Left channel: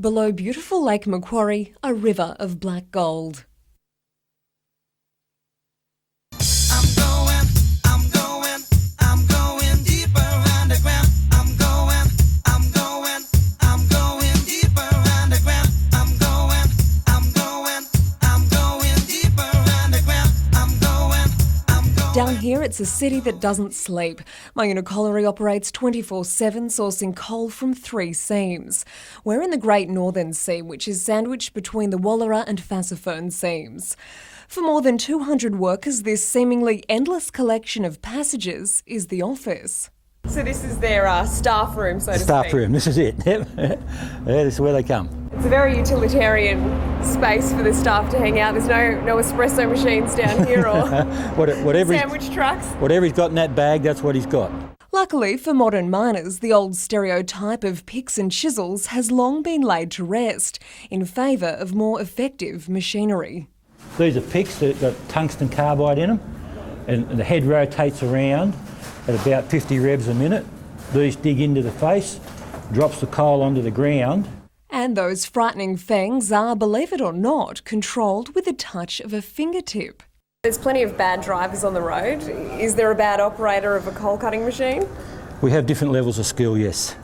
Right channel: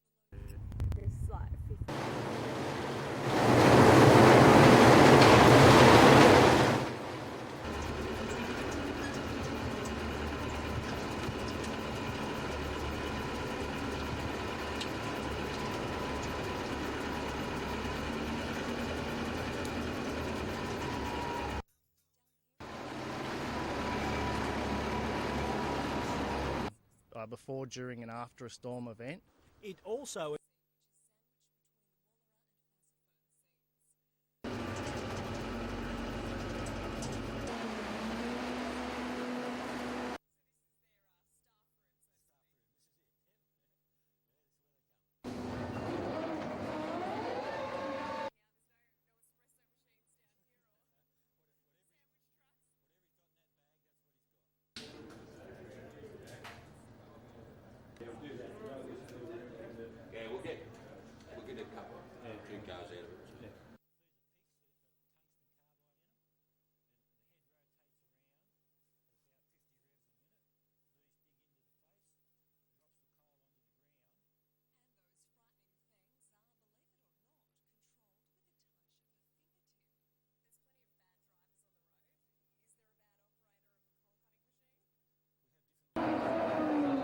Below beautiful Lake Macquarie, a river of black gold. Down here, it's a city that doesn't sleep. Myuna Colliery operates 24/7, sourcing coal from 3 seams. We're in the Great Northern Seam, which is sandwiched between the Wallara and Fassifern seams. For more than 200 workers, this seemingly endless collection of passages is the office. So this is their staff room, so to speak? Staff room, this is it. Yeah, this is where they come. It's a very utilitarian space for the staff to hang out. There's no espresso machines down here or sandwich trucks. Whatever he's got in that bag, that's what he's got. Luckily for modern miners, the old stereotype of picks and chisels has long been laid to rest in favour of more effective machinery. These are picks that got tungsten carbide in them, and the head rotates around at about 50 revs a minute. These dig into the face, drops the coal onto the ground. And those frightening fangs are, believe it or not, controlled with the touch of a fingertip. There's plenty of bad drivers on the road. Is there a bad operator of a coal cutting machine? We have different levels of skill, yes.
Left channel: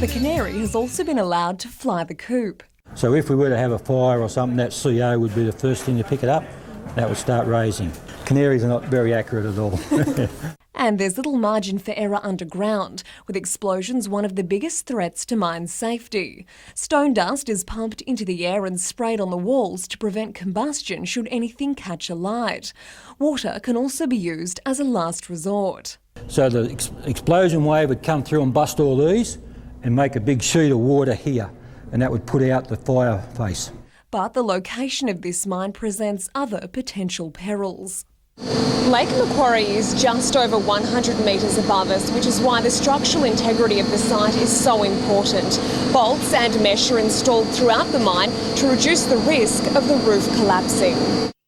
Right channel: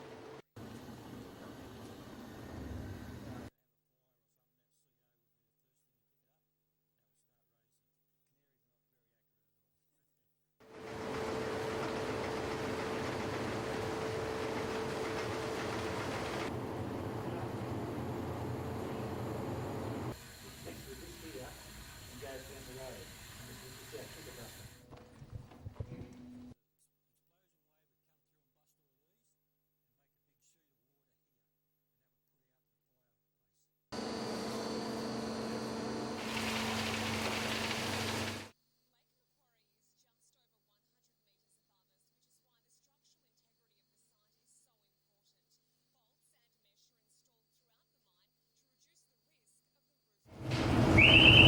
The Canary has also been allowed to fly the coop. So if we were to have a fire or something, that CO would be the first thing to pick it up. That would start raising. Canaries are not very accurate at all. And there's little margin for error underground, with explosions one of the biggest threats to mine safety. Stone dust is pumped into the air and sprayed on the walls to prevent combustion should anything catch alight. Water can also be used as a last resort. So the explosion wave would come through and bust all these and make a big sheet of water here, and that would put out the fire face. But the location of this mine presents other potential perils. Lake Macquarie is just over 100 metres above us, which is why the structural integrity of the site is so important. Bolts and mesh are installed throughout the mine to reduce the risk of the roof collapsing.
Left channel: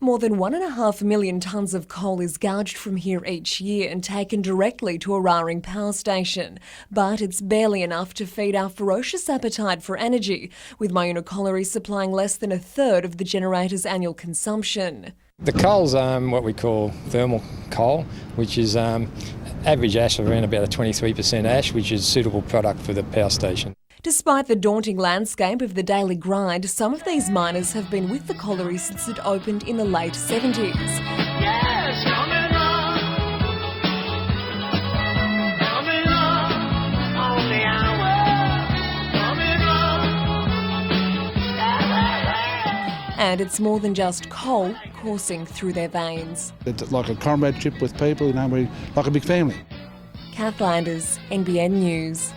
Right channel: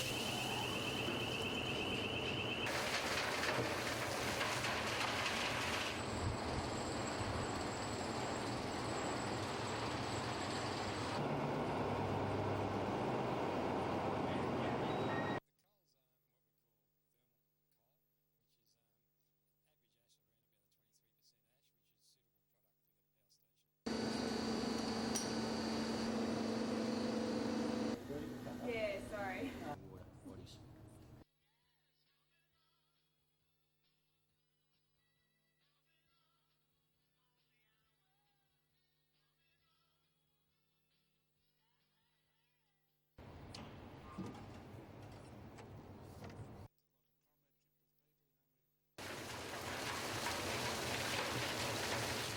More than 1.5 million tonnes of coal is gouged from here each year and taken directly to Eraring Power Station. But it's barely enough to feed our ferocious appetite for energy, with Myuna Colliery supplying less than a third of the generator's annual consumption. The coal's what we call thermal coal, which is average ash of around about a 23% ash, which is a suitable product for the power station. Despite the daunting landscape of the daily grind, some of these miners have been with the colliery since it opened in the late 70s. Yes, coming on the hour, And it's more than just coal coursing through their veins. It's like a comradeship with people, like a big family. Kath Landers, NBN News.